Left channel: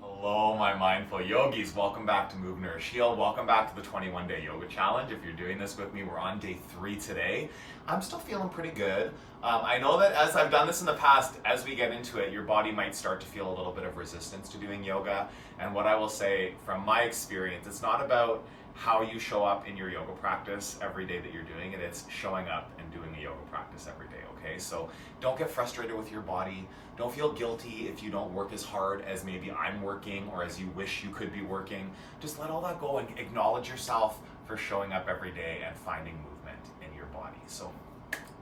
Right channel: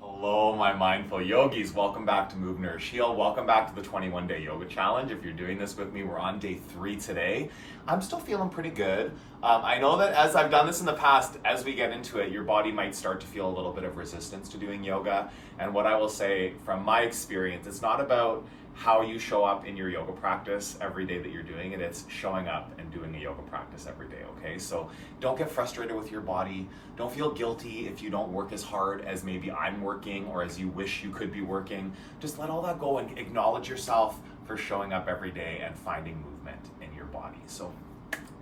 Hello, my mindful yogis. Welcome back to Move, Nourish, Heal. Welcome back to the 21-day yoga challenge. If you're doing this with me, we're on day 3 today. I'm still feeling pretty good. I know that as I've done this in the past, as we get into it, your body might start to feel a little bit of resistance to doing yoga. And what I will say from my experience, it's not about how you show up in your yoga practice every day that you're doing it. It's showing up and doing a yoga practice every day, okay? So don't get frustrated with your body. Don't feel guilty if you don't work as hard as maybe I'm working or as you wish you could be working. Just let all that go and acknowledge yourself for showing up every day and finding movement in your body. So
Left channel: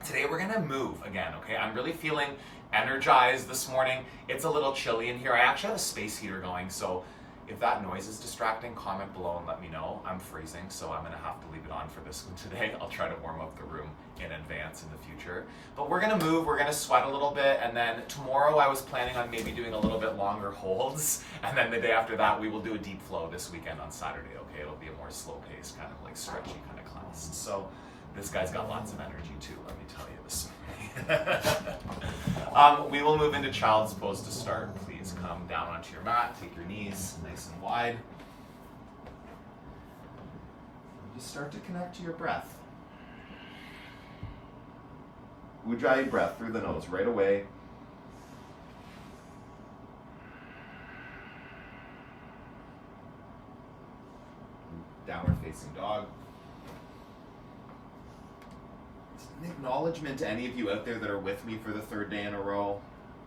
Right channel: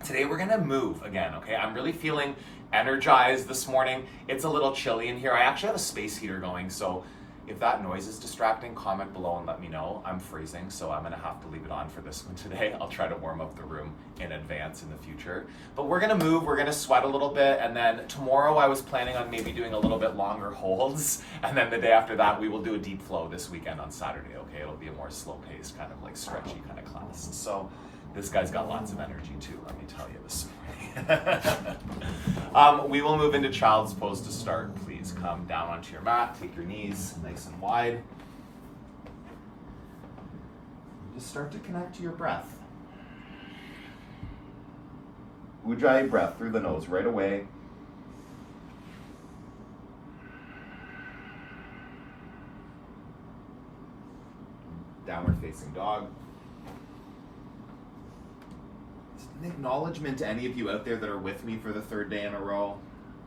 today we're gonna move again, okay? I'm really feeling energized this morning. It's a little chilly in here. I actually have a space heater going, so if that noise is distracting, comment below and let me know. I'm freezing, so I'm gonna have to leave it on for this one today. I'll try to warm up the room in advance in the future. But we're gonna move, we're gonna sweat a little bit, and then tomorrow I was planning on maybe doing a little bit longer holds, and then the day after that we will do a deep flow this weekend on Saturday, okay? It'll be a more slow-paced, kind of like stretchy kind of class. So this guy's got lots of energy too, let me tell you this morning. We will move into child's pose to start. Please come down onto your mat, take your knees nice and wide. Just start to connect to your breath. Ujjayi breath through the nose right away. Downward facing dog. An acknowledgement to any of you out there that are with me for the 3rd day in a row.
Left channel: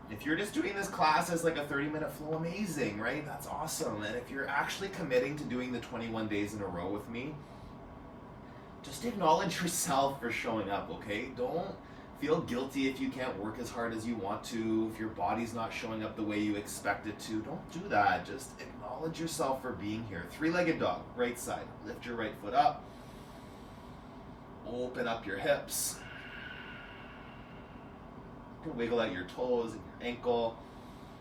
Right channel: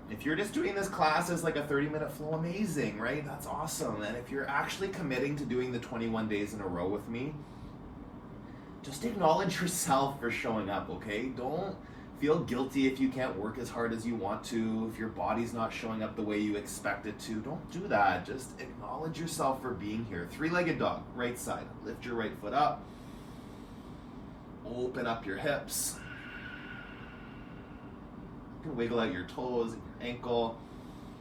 If you're just doing this class as like a 30-minute flow, amazing, right? That's awesome. And if you're actually committing to doing the 21 days in a row with me, just acknowledge yourself for showing up, okay? Don't feel guilty if you can't work as hard as you want to, if your body's not showing up the way you expect it to. Don't do that. Just acknowledge yourself for being here. 3-legged dog, right side. Lift your right foot up. Open up your hips. You can wiggle out your toes and your ankle.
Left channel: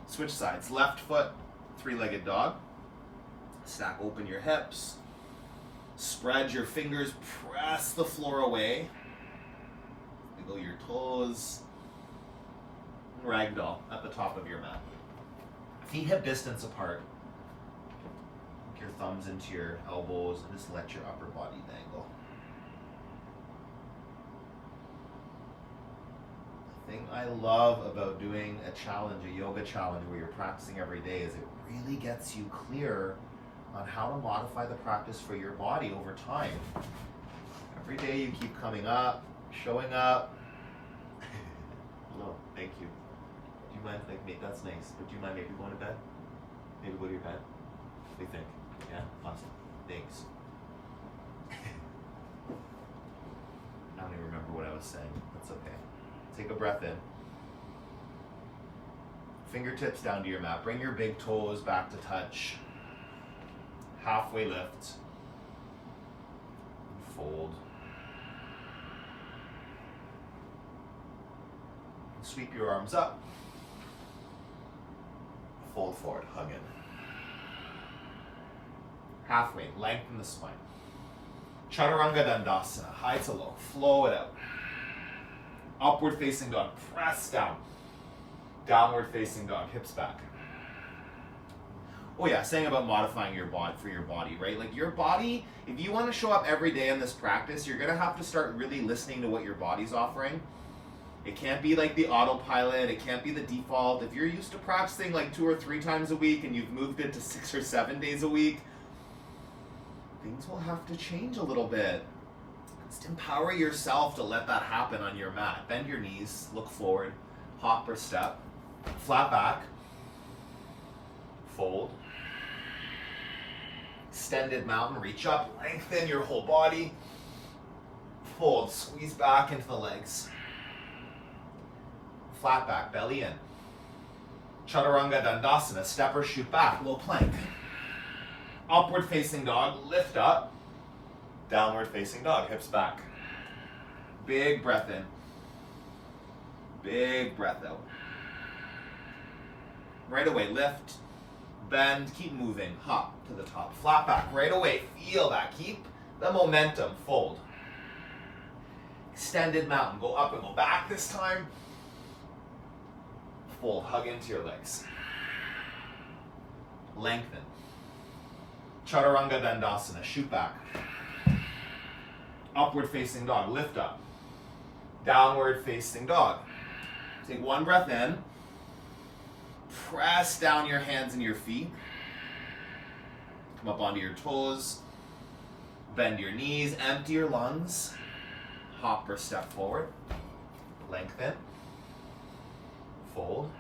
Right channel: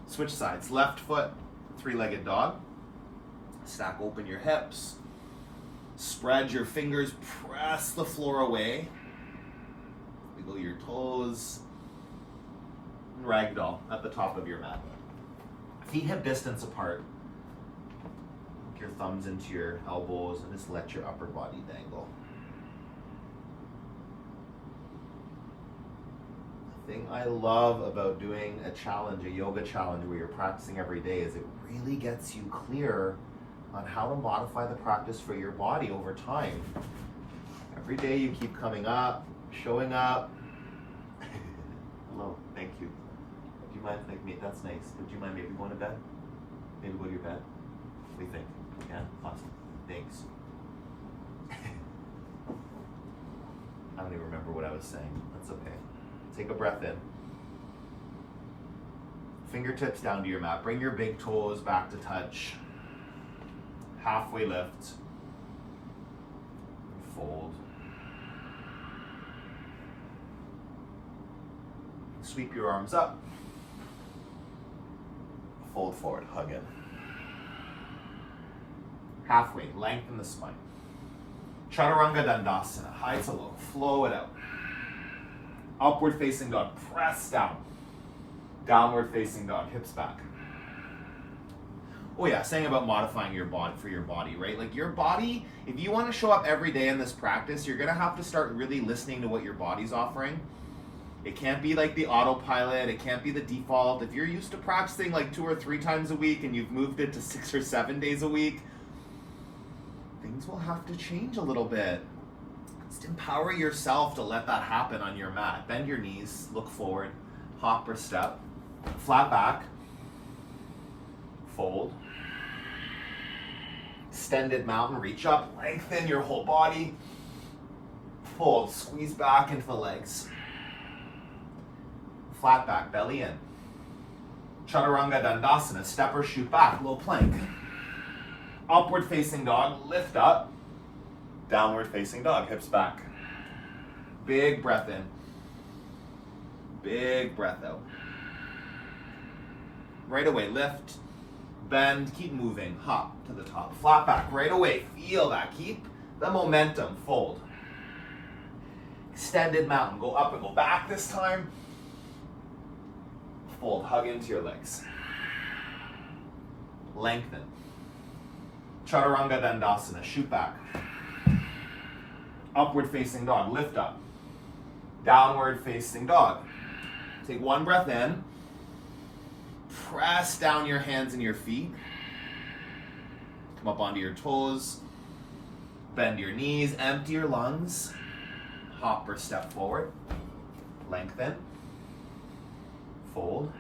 Switch sides. Left foot, 3-legged dog. Stack open your hips. Spread your fingers. Press the floor away. Wiggle your toes. And ragdoll at the top of your mat. Feet hip distance apart. Hook your thumbs into your elbows and just let your upper body dangle. Thing I love about doing a challenge, a yoga challenge where you're practicing every day, is it really gets you clear on how to modify the practice for your body over time. Every day you keep coming up, showing up. Hello, thank you. Do you mind, like, that's nice, but do you mind maybe going to bed? Maybe go to your bed? What do you think? Yeah, awesome, thanks. I don't even remember what I was saying, that's okay. Take a breath in. Fingertips down to your mat. Bring your big toes back to touch. Halfway lift. Fold. Sweep your arms up. Fold forward, hug in. Halfway, lengthen the spine. Chaturanga Dandasana, high to low. Flow it out. Upward facing dog, press down. Downward facing dog, hips back. Oh yeah, saying about modifying your body for your body, right? Like your body, if you want to show up every day in this practice, you're gonna have to start really listening to what your body's offering. It can't be like the autopilot, it can't be the default. If you're used to practicing like 2 or 3 times a week and you've moved it to 6 or 7 days a week, things will have to change a little bit. Just empower yourself to let that happen on your mat. Bend your knees, look forward, hop or step, flat back, fold, extended mountain, reach up, lengthen your whole body, fold, squeeze back into the legs, flat back, belly in, Chaturanga Dandasana, step or shoot back, low plank, upward facing dog, lift up, downward facing dog, hips back. Big breath in. Big breath out. Right away, lift, bend, keep moving, hop to the top. Flat back, right away, feel that. Keep the momentum, fold. Extended mountain, go up and go back this time. Fold, hug into your legs. Lengthen. Chaturanga Dandasana, shoot back. Upward facing dog, lift up. Downward facing dog. Take one breath in. Press down your hands and your feet. Come up onto your toes. Bend your knees, empty your lungs. Hop or step forward. Lengthen. Fold.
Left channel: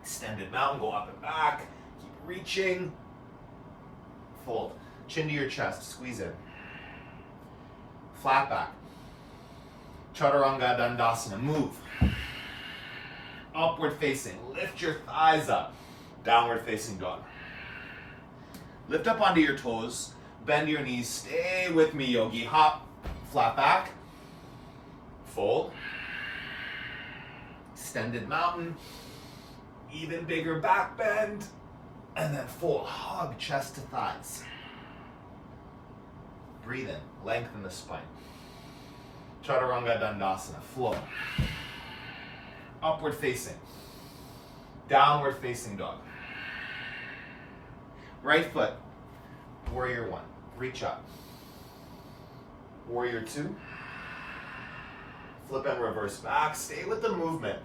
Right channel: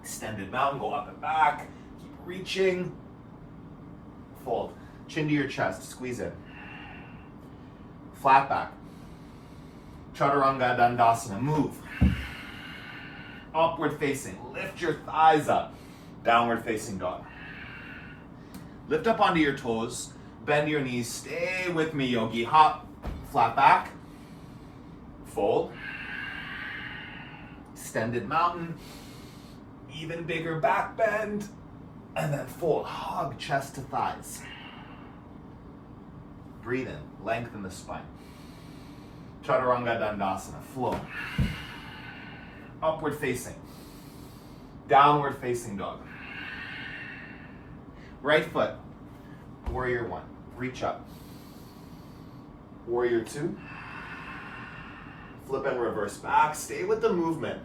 Extended mountain, go up and back. Keep reaching. Fold. Chin to your chest, squeeze in. Flat back. Chaturanga Dandasana, move. Upward facing, lift your thighs up. Downward facing dog. Lift up onto your toes, bend your knees, stay with me, yogi. Hop, flat back. Fold. Extended mountain. Even bigger back bend. And then fold, hug chest to thighs. Breathe in, lengthen the spine. Chaturanga Dandasana, flow. Upward facing. Downward facing dog. Right foot, warrior one, reach up. Warrior two. Flip and reverse back, stay with the movement.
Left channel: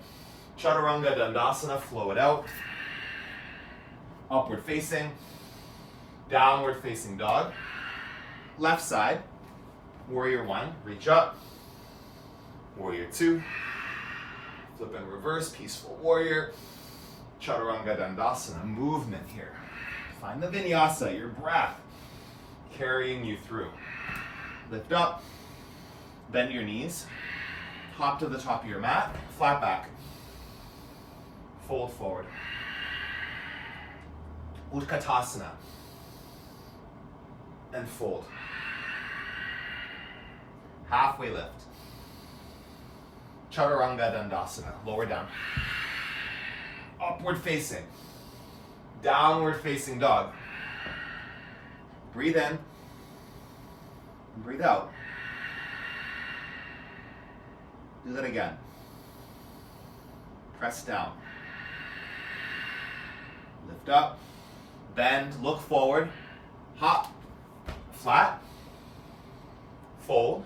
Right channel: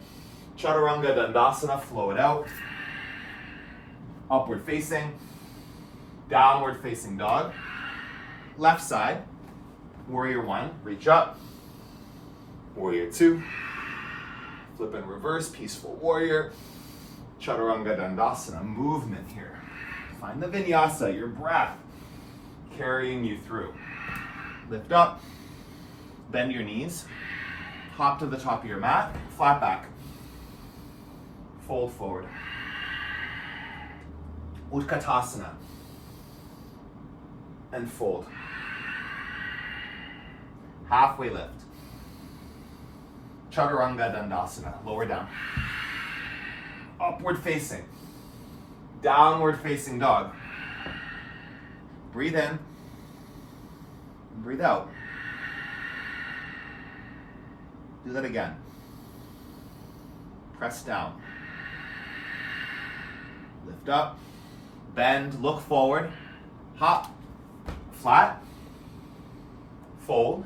Chaturanga Dandasana, flow it out. Upward facing. Downward facing dog. Left side, warrior one, reach up. Warrior two. Flip and reverse, peaceful warrior. Chaturanga Dandasana, movement here. Find the vinyasa, your breath carrying you through. Lift up, bend your knees, hop to the top of your mat, flat back. Fold forward. Utkatasana. And fold. Halfway lift. Chaturanga Dandasana, lower down. Upward facing. Downward facing dog. Breathe in. Breathe out. Do that again. Press down. Lift up. Bend, look forward. Hop. Flat. Fold.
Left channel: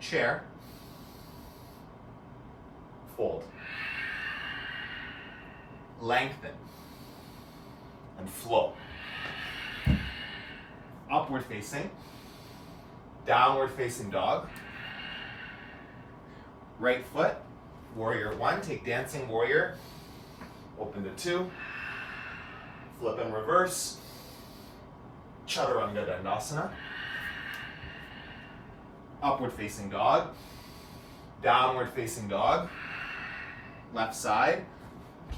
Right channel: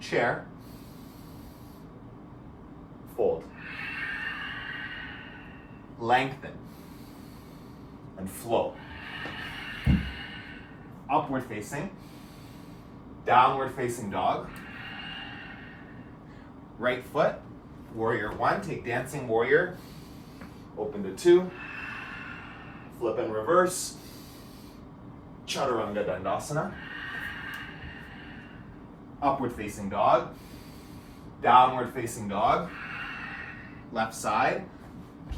Chair. Fold. Lengthen. And flow. Upward facing. Downward facing dog. Right foot. Warrior one. Take dancing warrior. Open to two. Flip and reverse. Chaturanga Dandasana. Upward facing dog. Downward facing dog. Left side.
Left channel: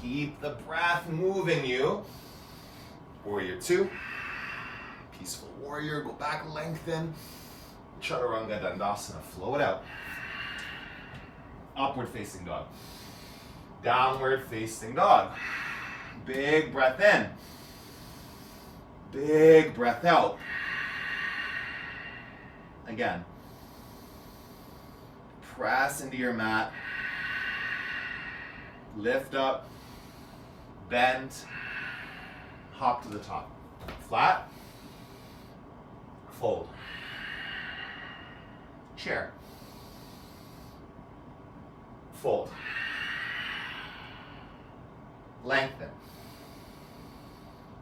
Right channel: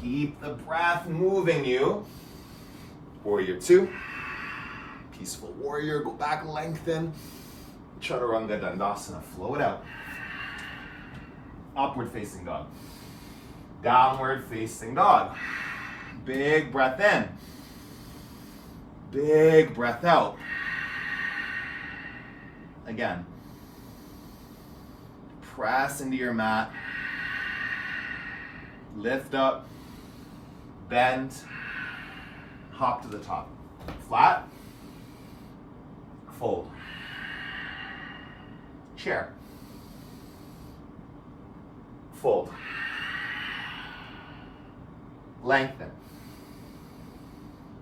Keep the breath moving you. Warrior two. Peaceful warrior. Go back, lengthen. Chaturanga Dandasana. Flow it out. Upward facing dog. Downward facing dog. Big breath in. Big breath out. Again. Press into your mat. Lift up. Bend. Hop to the top. Flat. Fold. Chair. Fold. Lengthen.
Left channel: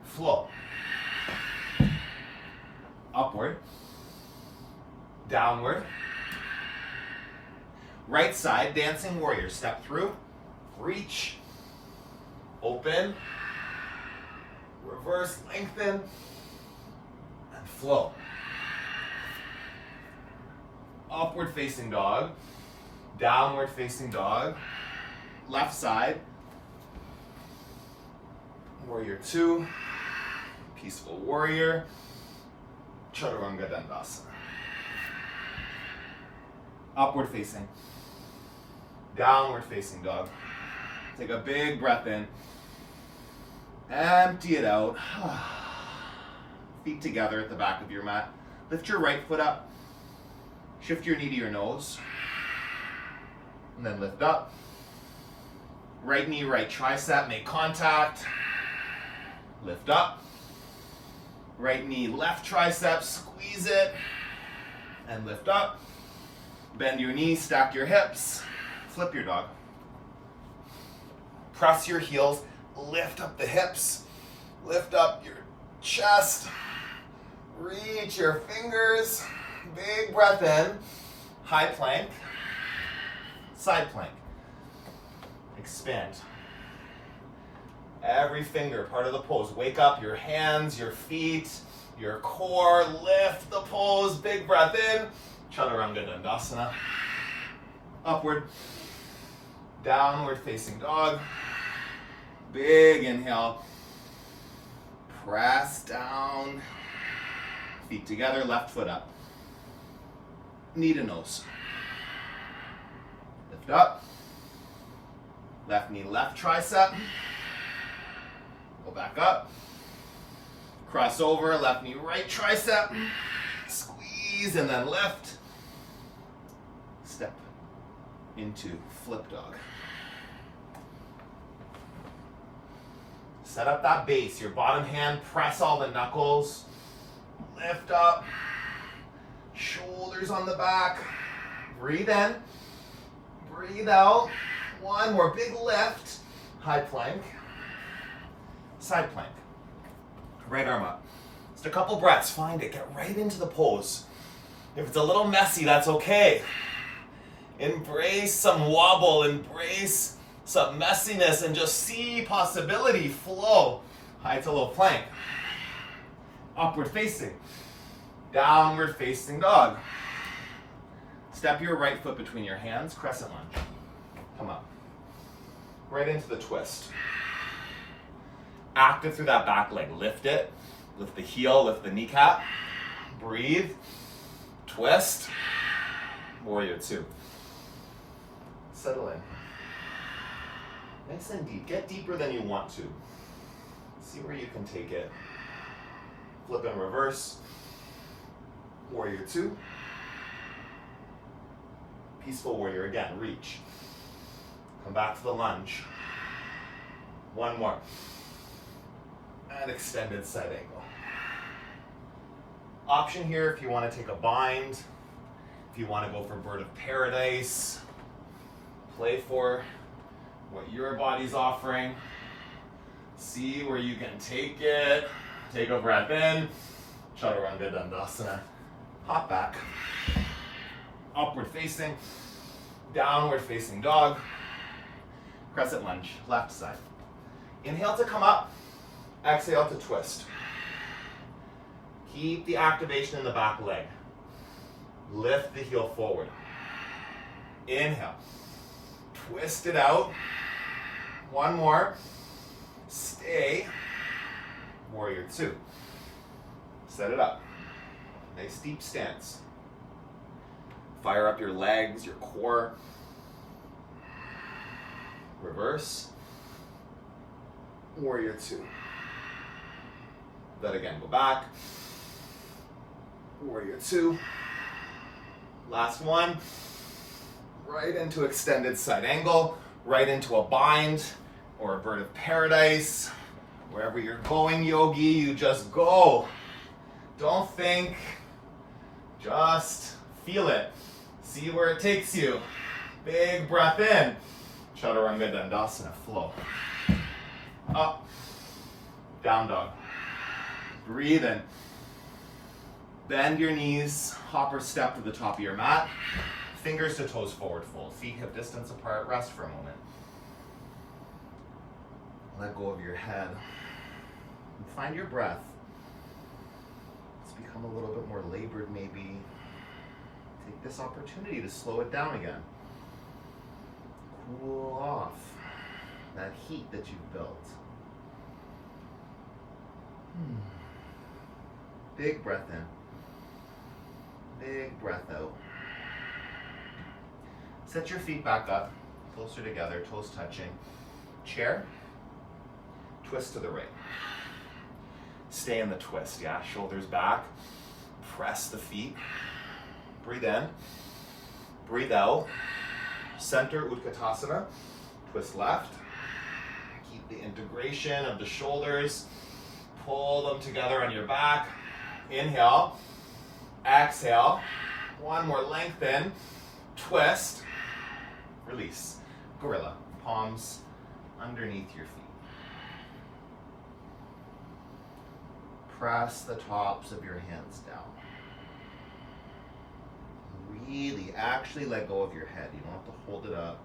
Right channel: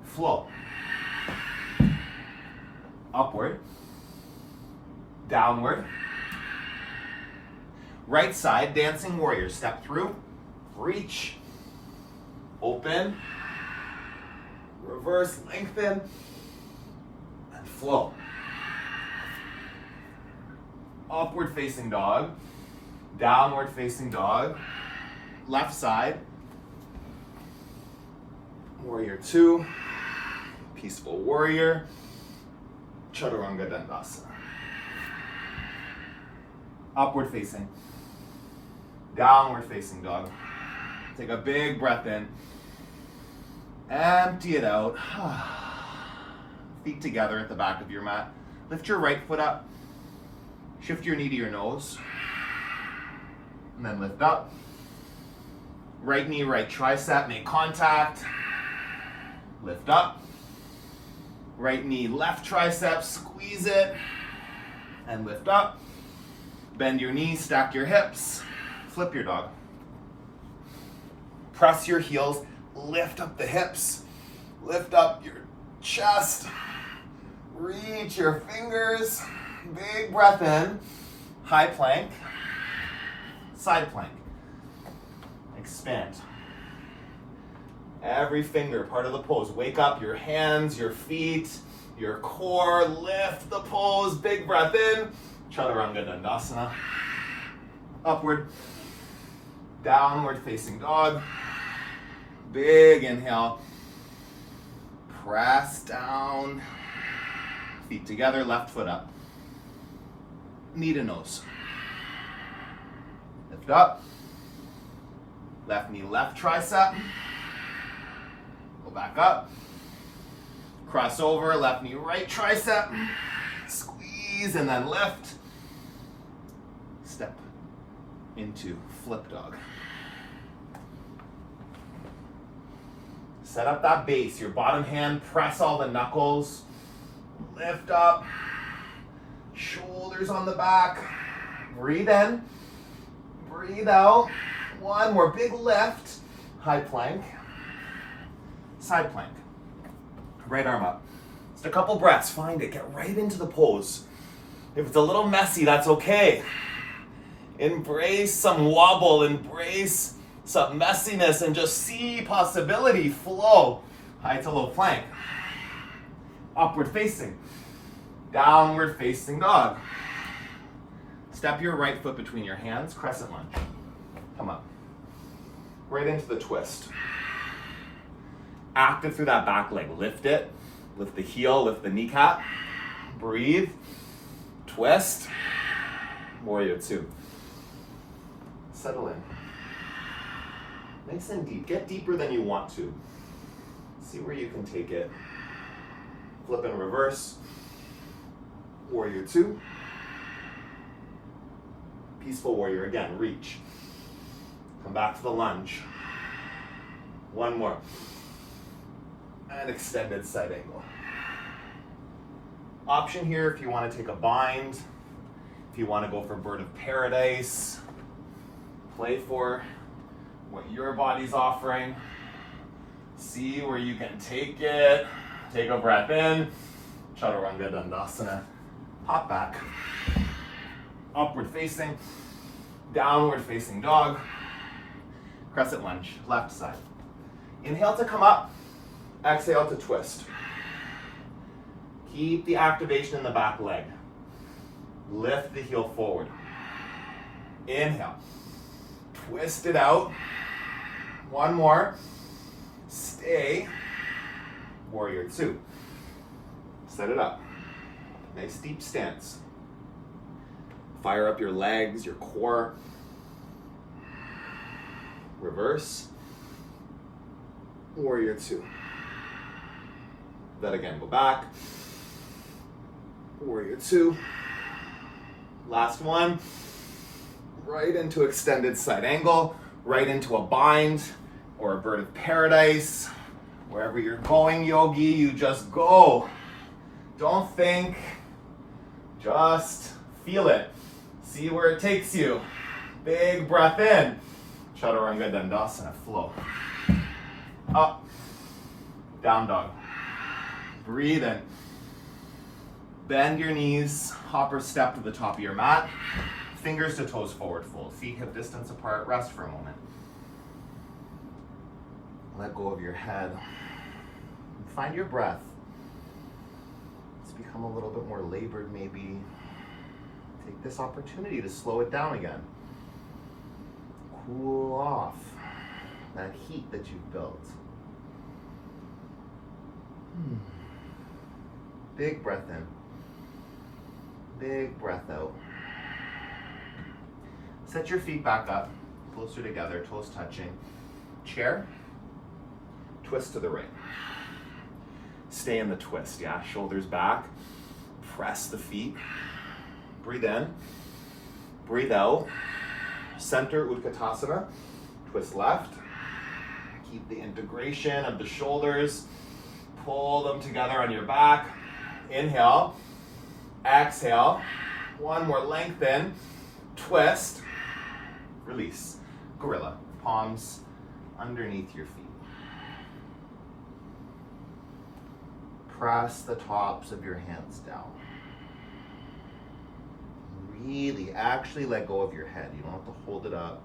Flow. Upward. Downward. Right side, dancing warrior. Step through. Reach. Open. Reverse, lengthen. And flow. Upward facing dog. Downward facing dog. Left side. Warrior two. Peaceful warrior. Chaturanga Dandasana. Upward facing. Downward facing dog. Take a big breath in. Empty it out. Feet together at the back of your mat. Lift your right foot up. Shift your knee to your nose. And then lift up. Right knee, right tricep, make contact. Lift up. Right knee, left tricep, squeeze it. And lift up. Bend your knees, stack your hips. Flip your dog. Press your heels, lift up the hips. Lift up your chest. Reach your fingers. Big breath in. High plank. Side plank. Expand. Every finger, part of the pose. Wake up your hands, your feet, your core. Lift the pose. Big breath in. Chaturanga Dandasana. Upward. Downward facing dog. Big inhale. Press down. Feet together, left foot up. Knee to nose. Lift up. Left knee, left tricep. Go back up. Cross over, left knee, right tricep. Squeeze and then lift. Step into flip dog. Set up that base. Your bottom hand, press all the knuckles. Lift up. Shoulders on the back. Breathe in. Breathe out. One more big lift. High plank. Side plank. Right arm up. Just a couple breaths. Find it. Get right into the pose. If it's a little messy, that's okay. Embrace some wobble. Embrace some messiness and just see possibility flow. High to low plank. Upward facing. Downward facing dog. Step your right foot between your hands. Crescent lunge. Come up. Right into the twist. Active through that back leg. Lift it. Lift the heel. Lift the kneecap. Breathe. Twist. Warrior two. Settle in. Nice and deep. Get deeper than you want to. See where you can take it. Flip and reverse. Warrior two. Peaceful warrior again. Reach. Come back to the lunge. One more. And extended side angle. Option here if you want to take a bind. If you want to go for bird of paradise. Play for what your body's offering. See where you can take it. Take a breath in. Chaturanga Dandasana. Hop back. Upward facing. Downward facing dog. Crescent lunge. Left side. Inhale to come up. Exhale to twist. Keep the activation in the back leg. Lift the heel forward. Inhale. Twist it out. One more. Stay. Warrior two. Set it up. Nice deep stance. Fire up your legs, your core. Reverse. Warrior two. Then again, go back. Warrior two. Last one. Right into extended side angle. Right into a bind or a bird of paradise. Wherever you're going, yogi, you just go. Don't think. Just feel it. See where it takes you. Big breath in. Chaturanga Dandasana, flow. Up. Down dog. Breathe in. Bend your knees. Hopper step to the top of your mat. Fingers to toes forward fold. Feet hip distance apart. Rest for a moment. Let go of your head. And find your breath. It's become a little bit more labored maybe. Take this opportunity to slow it down again. Cool off that heat that you've built. Big breath in. Big breath out. Set your feet back up, closer together, toes touching. Chair. Twist to the right. Stay in the twist, yeah? Shoulders back. Press the feet. Breathe in. Breathe out. Center Utkatasana. Twist left. Keep the integration of the shoulders. Pull them together on your back. Inhale. Exhale. One more, lengthen. Twist. Release. Gorilla. Palms underneath your feet. Press the tops of your hands down. Really, actually let go of your head. You don't have to hold it up.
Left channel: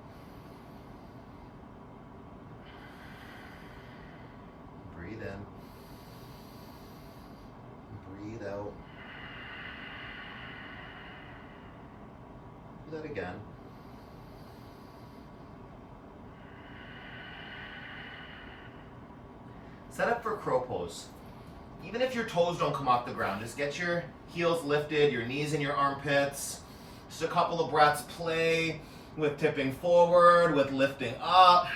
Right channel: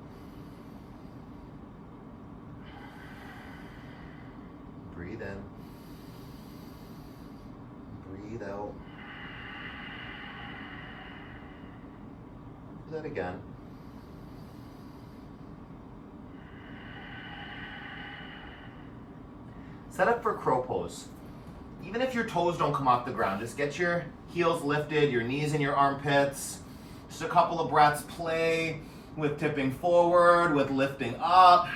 Breathe in. Breathe out. Do that again. Set up for crow pose. Even if your toes don't come off the ground, just get your heels lifted, your knees in your armpits. Just a couple of breaths. Play with tipping forward, with lifting up.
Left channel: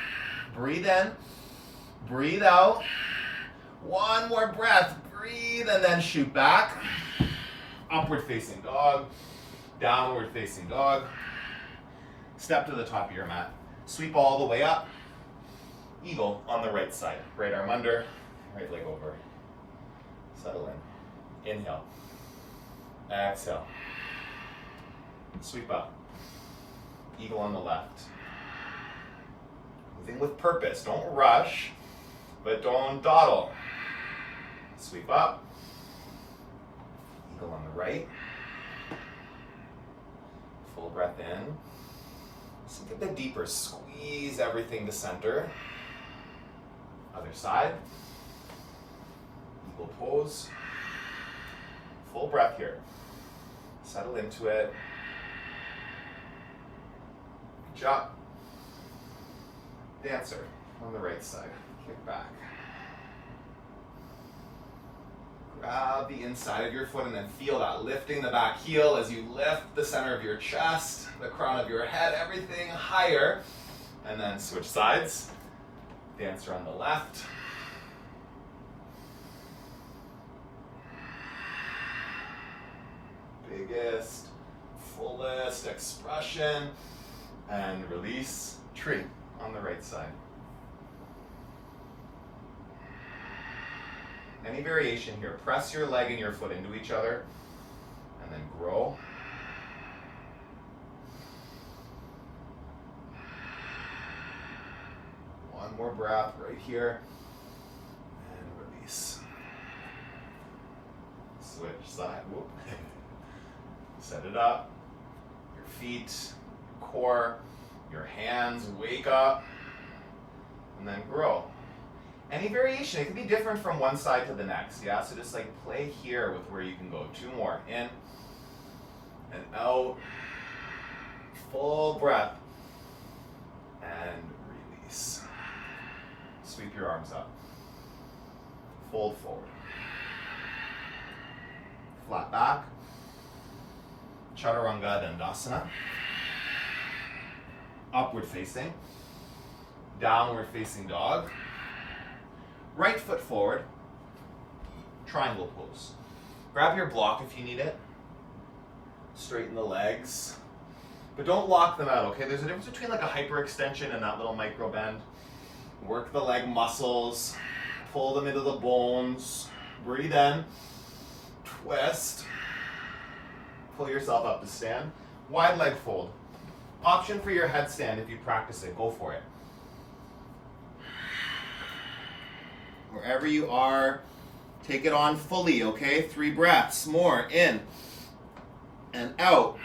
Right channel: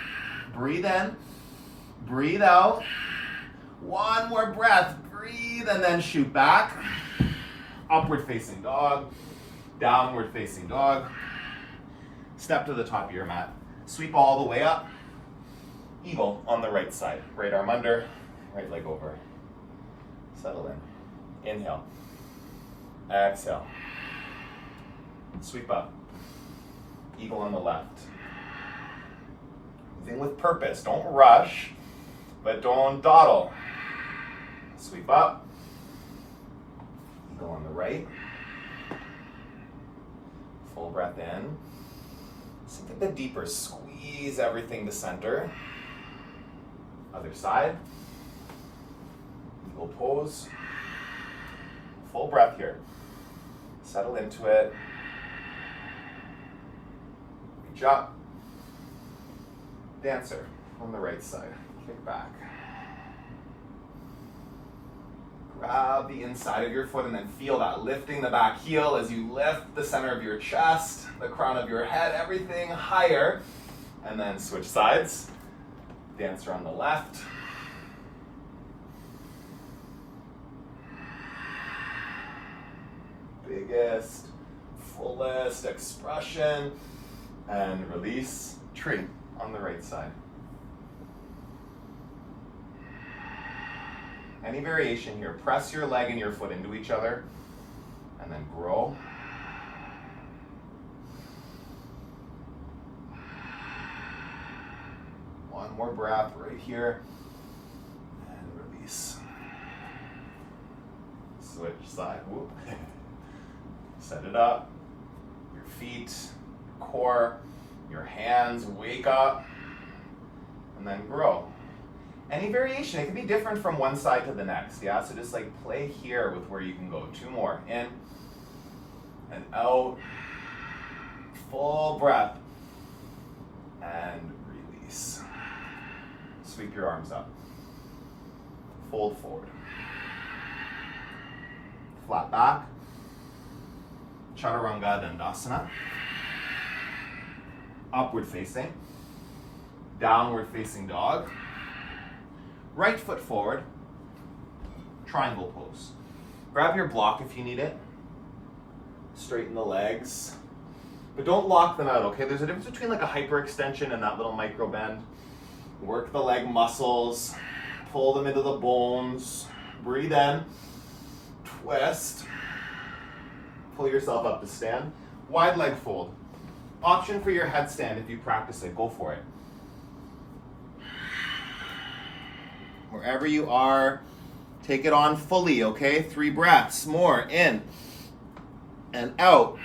Breathe in, breathe out. One more breath. Breathe and then shoot back. Upward facing dog, downward facing dog. Step to the top of your mat. Sweep all the way up. Eagle on the right side. Right arm under, right leg over. Settle in. Inhale. Exhale. Sweep up. Eagle on the left. Moving with purpose. Don't rush, but don't dawdle. Sweep up. Eagle on the right. Full breath in. Sink a bit deeper. Squeeze everything to center. Other side. Eagle pose. Full breath here. Settle into it. Reach up. Dancer on the right side. Kick back. Grab the inside of your foot and then feel that lifting the back heel as you lift the center of your chest, the crown of your head, everything higher. And then switch sides. Dancer on the left. Biggest, fullest expression. And release. Tree on the right side. Any variation here, press your leg and your foot into each other and then grow. One more breath right here and release. Switch side, whoop. Set it up. Your feet, your core, your hands, wake up and then grow. Any variation, it can be different from one side to the next, yeah? So just like play here with where you can go. Two more, in and out. Full breath and release. Sweep your arms up. Fold forward. Flat back. Chaturanga Dandasana. Upward facing. Downward facing dog. Right foot forward, triangle pose. Grab your block if you need it. Straighten the legs, but don't lock them out, okay? There's a difference between like a hyperextension and that little micro bend. Work the leg muscles, pull them into the bones, breathe in, twist, pull yourself up to stand. Wide leg fold. Option for your headstand if you practice it, go for it. Wherever you are, take it on fully, okay? 3 breaths, more, in and out.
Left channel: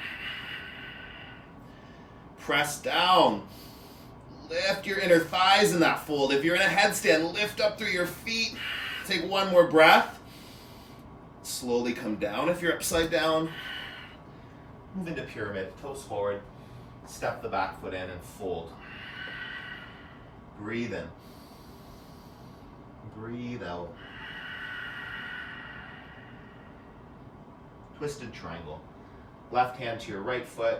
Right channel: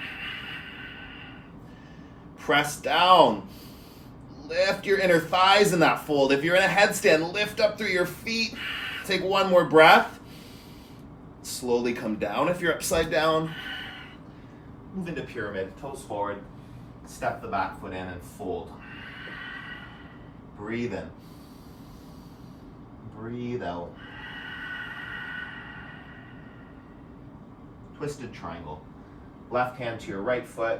Press down. Lift your inner thighs in that fold. If you're in a headstand, lift up through your feet. Take one more breath. Slowly come down if you're upside down. Move into pyramid, toes forward. Step the back foot in and fold. Breathe in. Breathe out. Twisted triangle. Left hand to your right foot.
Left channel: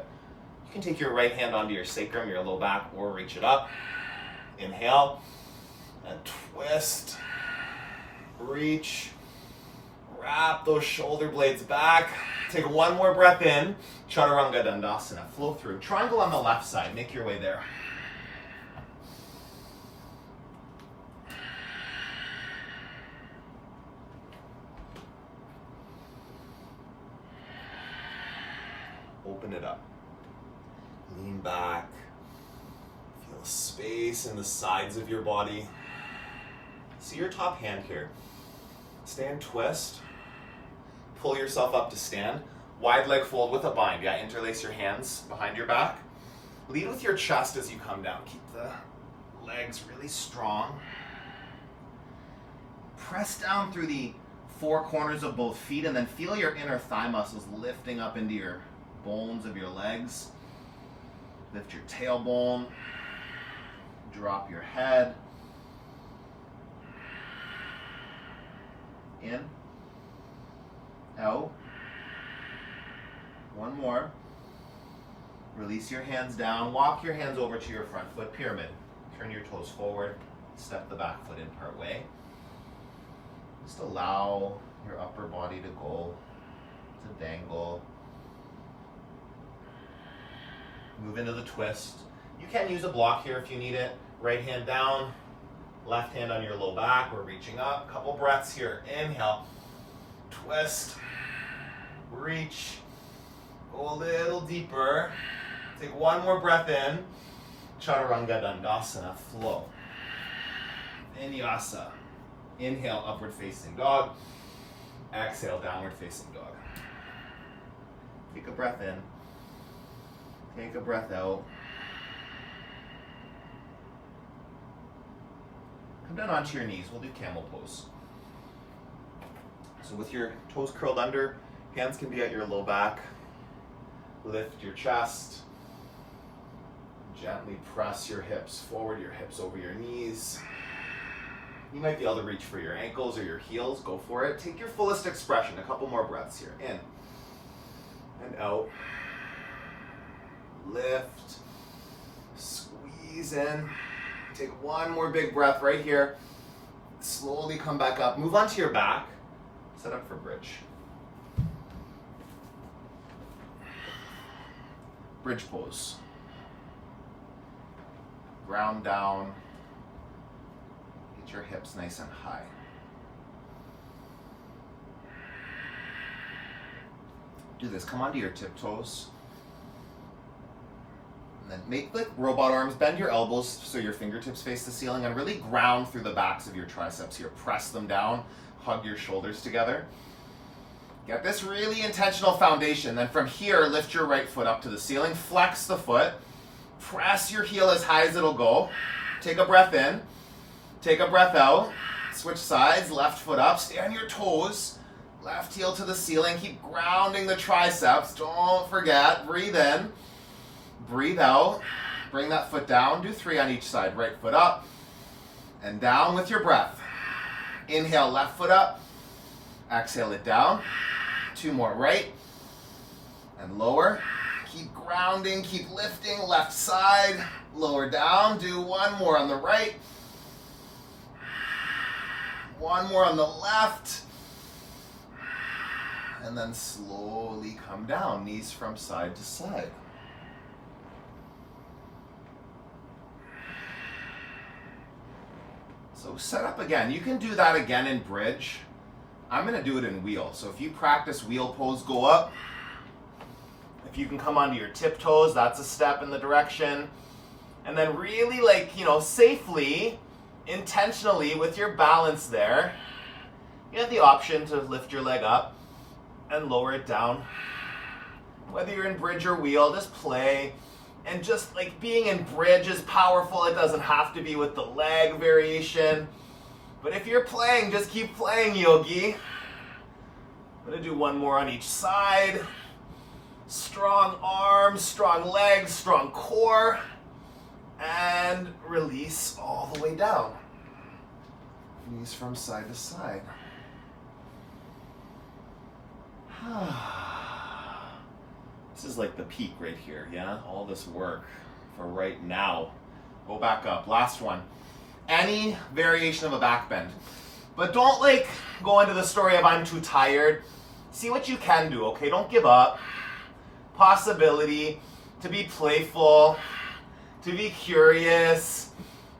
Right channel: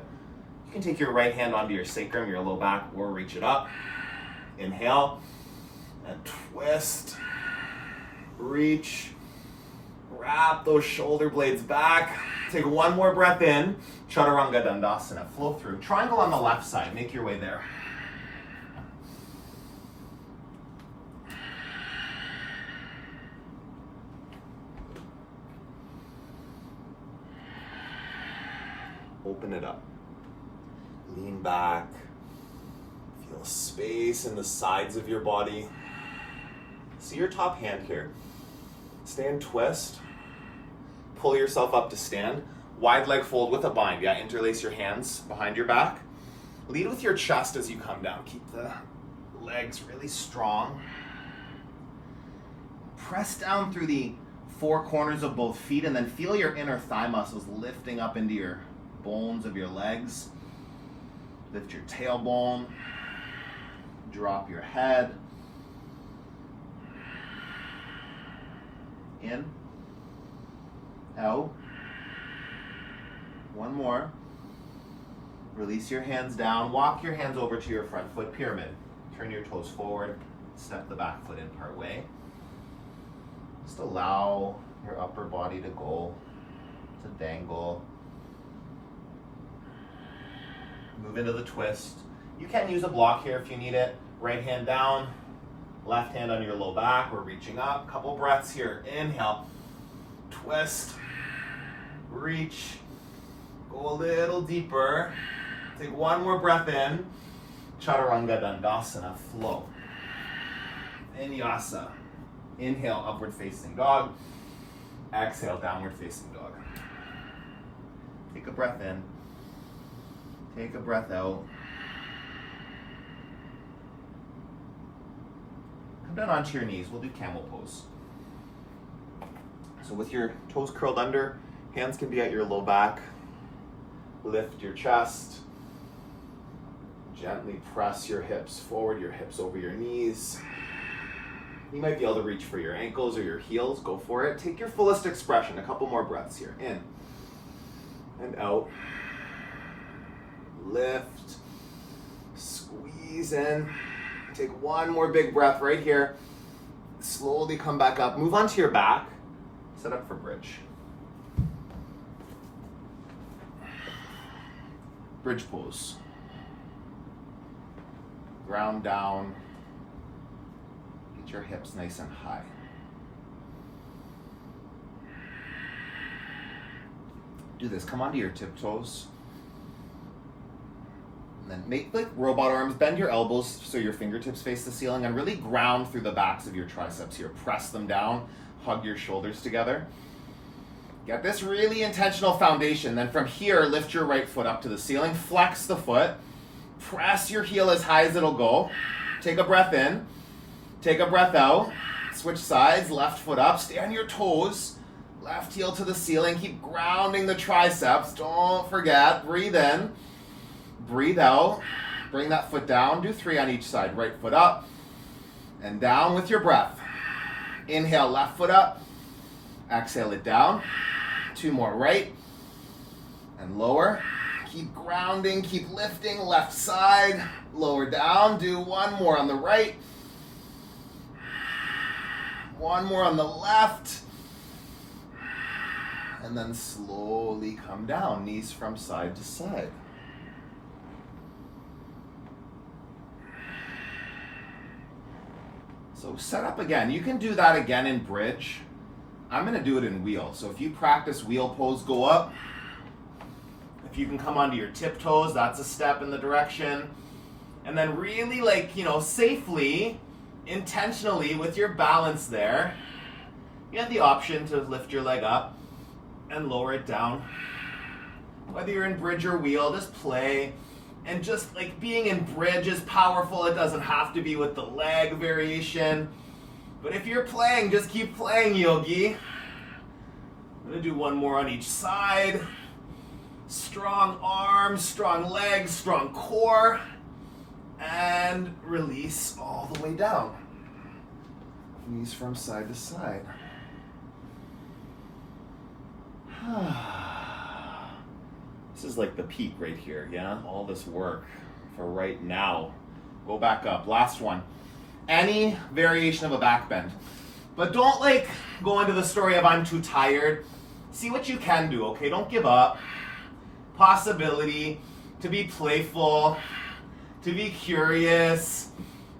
You can take your right hand onto your sacrum, your low back, or reach it up. Inhale and twist. Reach. Wrap those shoulder blades back. Take one more breath in. Chaturanga Dandasana. Flow through. Triangle on the left side. Make your way there. Open it up. Lean back. Feel space in the sides of your body. See your top hand here. Stand twist. Pull yourself up to stand. Wide leg fold with a bind. Yeah, interlace your hands behind your back. Lead with your chest as you come down. Keep the legs really strong. Press down through the four corners of both feet and then feel your inner thigh muscles lifting up into your bones of your legs. Lift your tailbone. Drop your head. In. Out. One more. Release your hands down. Walk your hands over to your front foot pyramid. Turn your toes forward. Step the back foot in part way. Just allow your upper body to go, to dangle. Move into the twist. You can use a block here if you need it. Right hand down, left hand on your low back. We're reaching up. Couple breaths here. Inhale, twist, reach, go a little deeper. Take one more breath in. Chaturanga Dandasana, flow. Vinyasa. Inhale, upward facing dog. Exhale, downward facing dog. Take a breath in. Take a breath out. Come down onto your knees. We'll do camel pose. So with your toes curled under, hands can be at your low back. Lift your chest. Gently press your hips forward, your hips over your knees. You might be able to reach for your ankles or your heels. Go for it. Take your fullest expression. A couple more breaths here. In and out. Lift. Squeeze in. Take one more big breath right here. Slowly come back up. Move onto your back. Set up for bridge. Bridge pose. Ground down. Get your hips nice and high. Do this. Come onto your tiptoes. And then make like robot arms. Bend your elbows so your fingertips face the ceiling and really ground through the backs of your triceps here. Press them down. Hug your shoulders together. Get this really intentional foundation. Then from here, lift your right foot up to the ceiling. Flex the foot. Press your heel as high as it'll go. Take a breath in. Take a breath out. Switch sides. Left foot up. Stay on your toes. Left heel to the ceiling. Keep grounding the triceps. Don't forget. Breathe in. Breathe out. Bring that foot down. Do 3 on each side. Right foot up and down with your breath. Inhale, left foot up. Exhale it down. 2 more. Right and lower. Keep grounding. Keep lifting. Left side. Lower down. Do 1 more on the right. 1 more on the left. And then slowly come down. Knees from side to side. So set up again. You can do that again in bridge. I'm going to do it in wheel. So if you practice wheel pose, go up. If you can come onto your tiptoes, that's a step in the direction. And then really safely, intentionally with your balance there, you have the option to lift your leg up and lower it down. Whether you're in bridge or wheel, just play. And just like being in bridge is powerful. It doesn't have to be with the leg variation. But if you're playing, just keep playing, yogi. I'm gonna do 1 more on each side. Strong arms, strong legs, strong core. And release all the way down. Knees from side to side. This is like the peak right here, yeah? All this work for right now. Go back up. Last one. Any variation of a back bend. But don't like go into the story of I'm too tired. See what you can do, okay? Don't give up. Possibility to be playful, to be curious,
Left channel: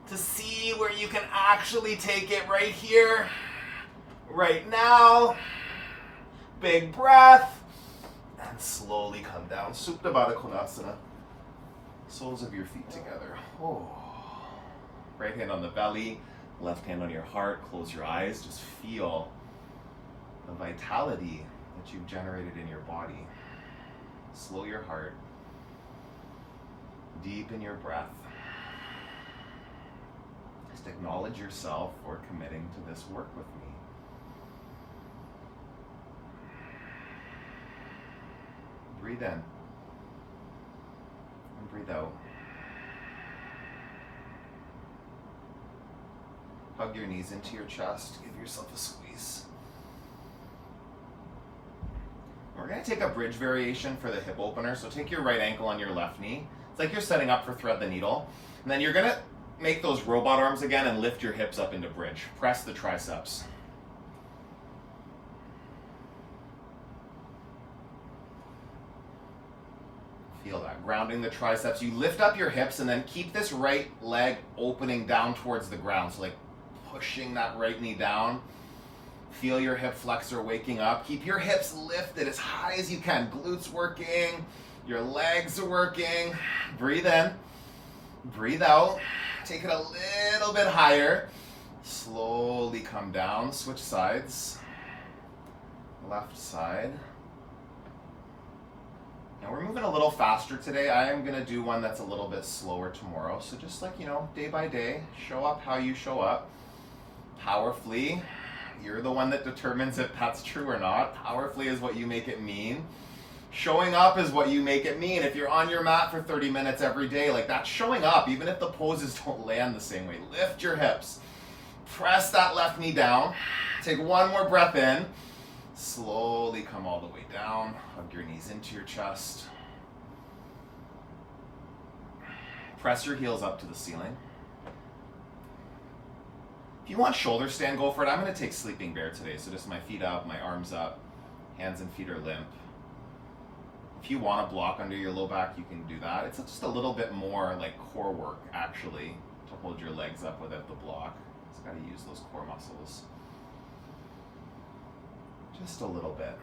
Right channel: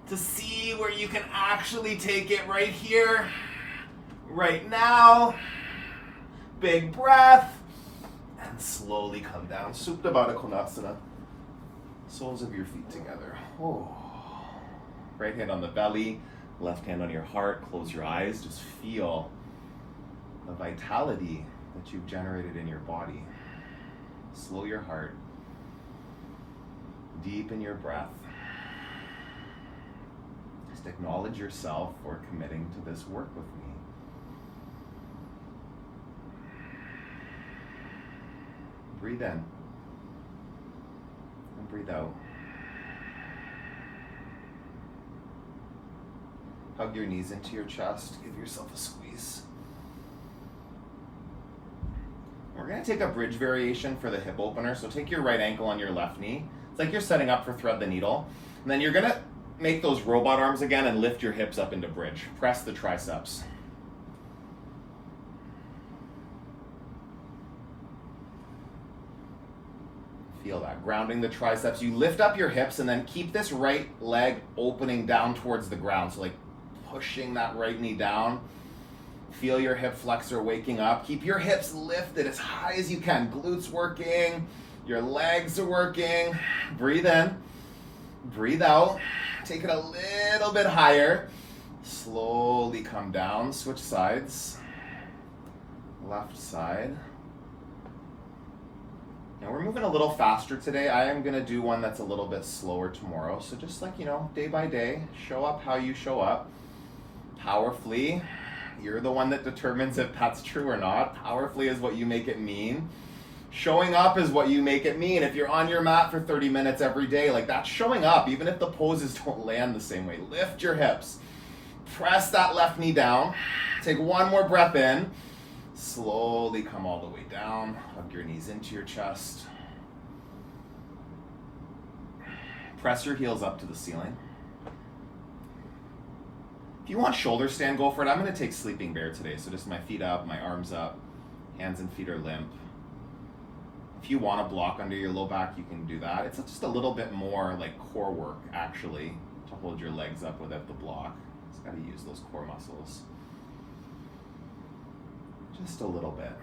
to see where you can actually take it right here, right now. Big breath, and slowly come down. Supta Baddha Konasana. Soles of your feet together. Oh. Right hand on the belly, left hand on your heart. Close your eyes. Just feel the vitality that you've generated in your body. Slow your heart. Deepen your breath. Just acknowledge yourself for committing to this work with me. Breathe in and breathe out. Hug your knees into your chest. Give yourself a squeeze. We're going to take a bridge variation for the hip opener. So take your right ankle on your left knee. It's like you're setting up for thread the needle. And then you're going to make those robot arms again and lift your hips up into bridge. Press the triceps. Feel that, grounding the triceps. You lift up your hips and then keep this right leg opening down towards the ground. So like pushing that right knee down. Feel your hip flexor waking up. Keep your hips lifted as high as you can. Glutes working, your legs are working. Breathe in, breathe out. Take it a little bit higher. Slowly come down, switch sides. Left side. Now we're moving a little faster today. I am gonna do one that's a little bit slower tomorrow. So just like, day by day, show up how you show up. Powerfully, you're the one that determines if that's true or not. Powerfully is what you make it mean. Showing up is what you make it mean. If you're on your mat for 30 minutes every day, like that's showing up, even if the poses don't land the same way. Lift your hips. Press that left knee down. Take one more breath in. Slowly come all the way down. Hug your knees into your chest. Press your heels up to the ceiling. If you want shoulder stand, go for it. I'm going to take sleeping bear today. So just my feet up, my arms up, hands and feet are limp. If you want to block under your low back, you can do that. It's just a little bit more like core work, actually, to hold your legs up without the block. Just got to use those core muscles. Just a little bit.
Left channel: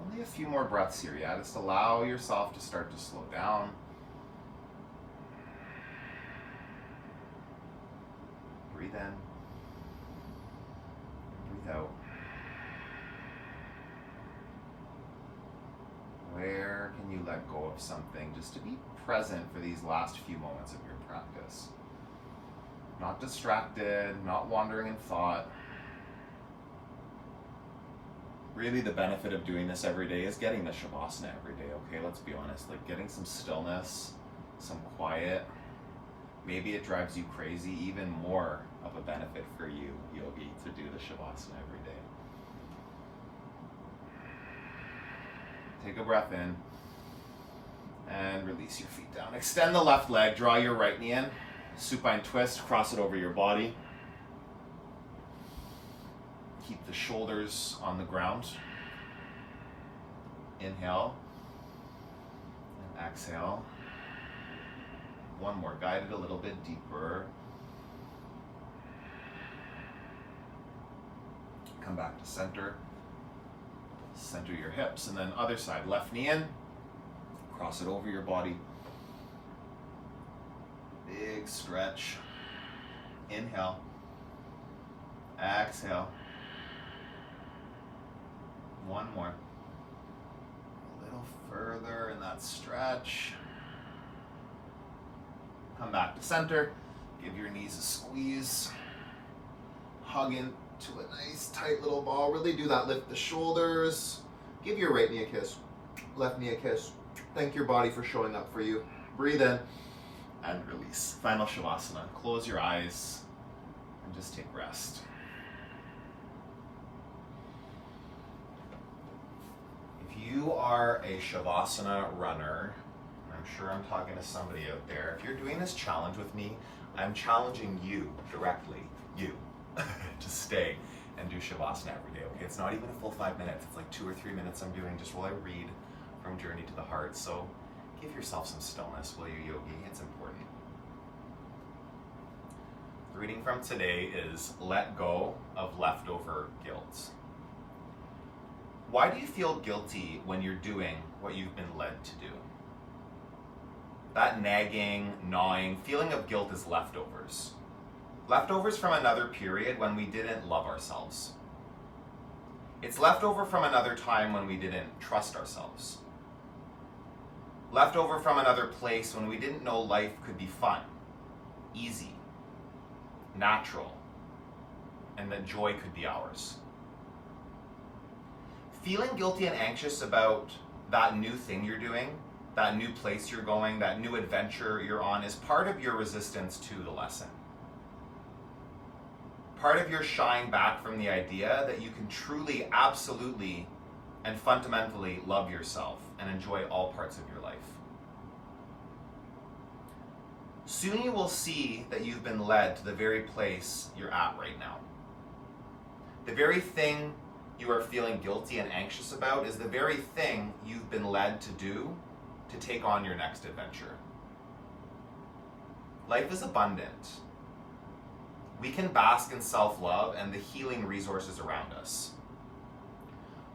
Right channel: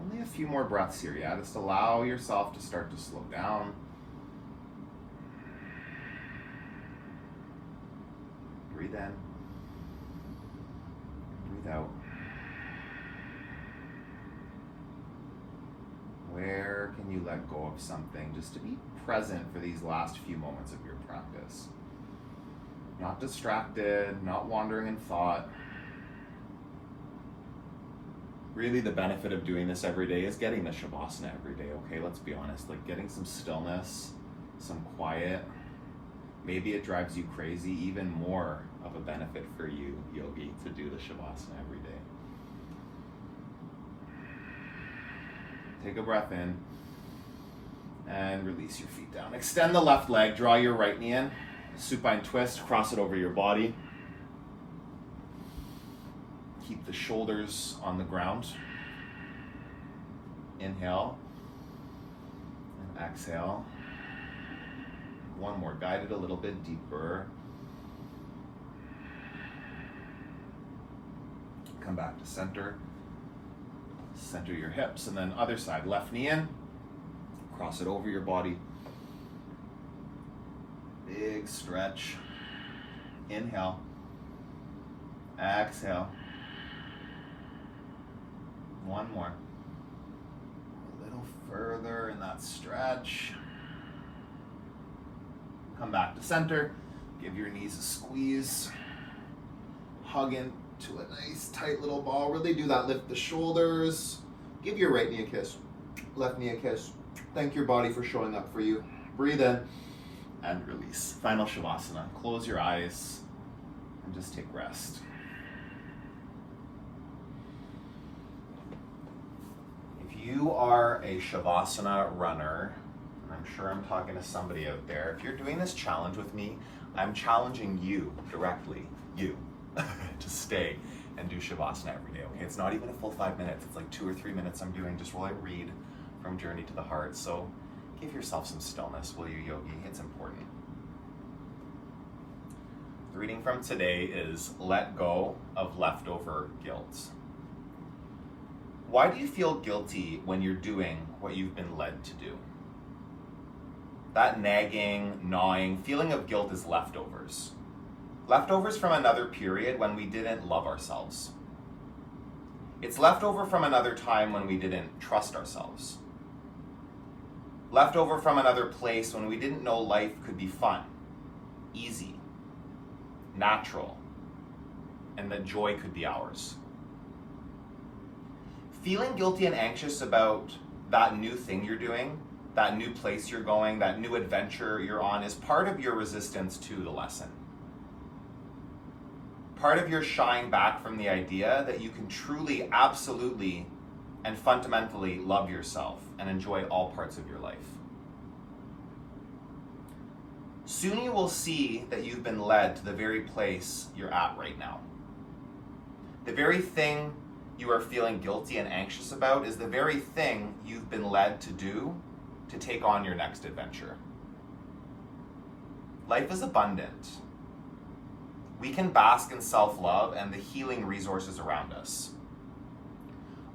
Only a few more breaths here, yeah? Just allow yourself to start to slow down. Breathe in. Breathe out. Where can you let go of something just to be present for these last few moments of your practice? Not distracted, not wandering in thought. Really, the benefit of doing this every day is getting the Shavasana every day, okay? Let's be honest, like getting some stillness, some quiet. Maybe it drives you crazy, even more of a benefit for you, yogi, to do the Shavasana every day. Take a breath in and release your feet down. Extend the left leg, draw your right knee in, supine twist, cross it over your body. Keep the shoulders on the ground. Inhale and exhale. One more, guide it a little bit deeper. Come back to center. Center your hips, and then other side, left knee in, cross it over your body. Big stretch. Inhale. Exhale. One more. A little further in that stretch. Come back to center. Give your knees a squeeze. Hug into a nice tight little ball. Really do that. Lift the shoulders. Give your right knee a kiss. Left knee a kiss. Thank your body for showing up for you. Breathe in and release. Final Shavasana. Close your eyes and just take rest. You are a Shavasana runner. I'm sure I'm talking to somebody out there. If you're doing this challenge with me, I'm challenging you directly you to stay and do Shavasana every day, okay? It's not even a full 5 minutes. It's like 2 or 3 minutes I'm doing just while I read from Journey to the Heart. So give yourself some stillness, will you, yogi? It's important. The reading from today is Let Go of Leftover Guilt. Why do you feel guilty when you're doing what you've been led to do? That nagging, gnawing feeling of guilt is leftovers. Leftovers from another period when we didn't love ourselves. It's leftover from another time when we didn't trust ourselves. Leftover from another place when we didn't know life could be fun, easy, natural, and that joy could be ours. Feeling guilty and anxious about that new thing you're doing, that new place you're going, that new adventure you're on is part of your resistance to the lesson. Part of your shying back from the idea that you can truly, absolutely, and fundamentally love yourself and enjoy all parts of your life. Soon you will see that you've been led to the very place you're at right now. The very thing you are feeling guilty and anxious about is the very thing you've been led to do to take on your next adventure. Life is abundant. We can bask in self-love and the healing resources around us.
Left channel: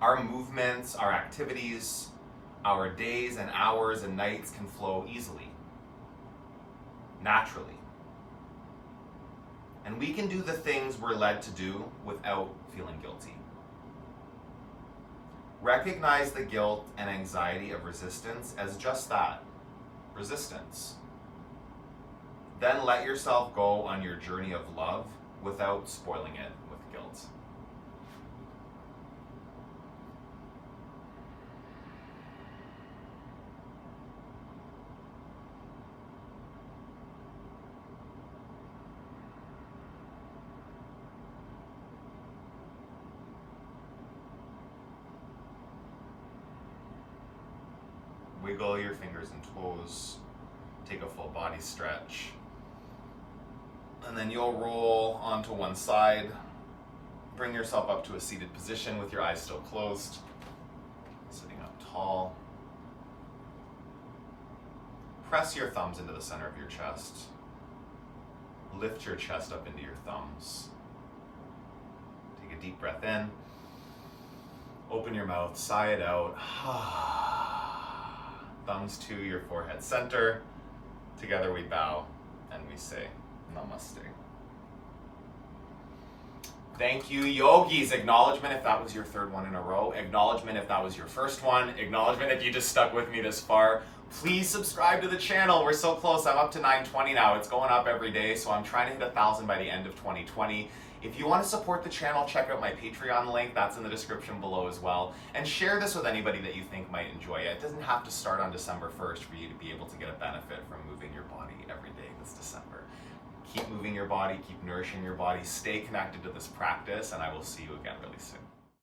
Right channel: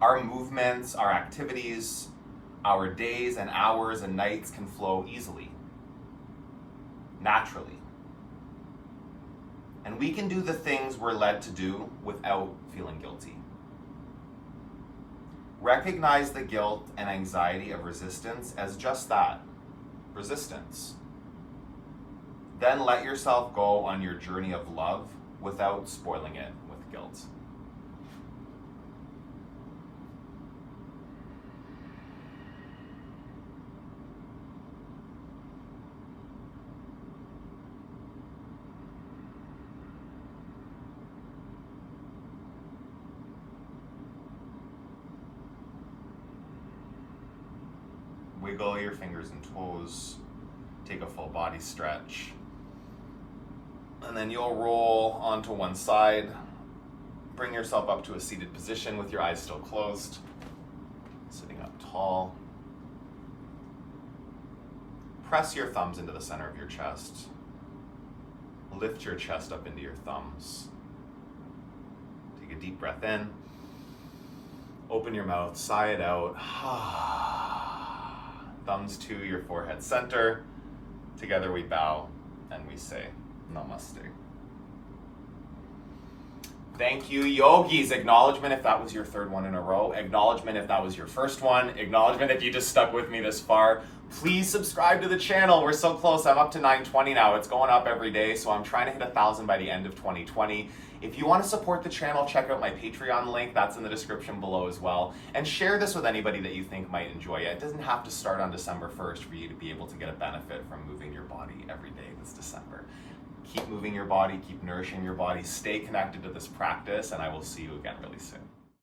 Our movements, our activities, our days and hours and nights can flow easily, naturally. And we can do the things we're led to do without feeling guilty. Recognize the guilt and anxiety of resistance as just that, resistance. Then let yourself go on your journey of love without spoiling it with guilt. Wiggle your fingers and toes. Take a full body stretch. And then you'll roll onto one side. Bring yourself up to a seated position with your eyes still closed. Sitting up tall. Press your thumbs into the center of your chest. Lift your chest up into your thumbs. Take a deep breath in. Open your mouth, sigh it out. Thumbs to your forehead center. Together we bow and we say Namaste. Thank you, yogis. Acknowledgement if that was your third one in a row. Acknowledgement if that was your first one. Acknowledgement if you just stuck with me this far. Please subscribe to the channel. We're so close. I'm up to 920 now. It's going up every day, so I'm trying to hit 1,000 by the end of 2020. If you want to support the channel, check out my Patreon link. That's in the description below as well. And share this with anybody that you think might enjoy it. It doesn't have to start on December 1st for you to be able to get a benefit from moving your body every day this December. Keep moving your body, keep nourishing your body, stay connected to this practice, and I will see you again really soon.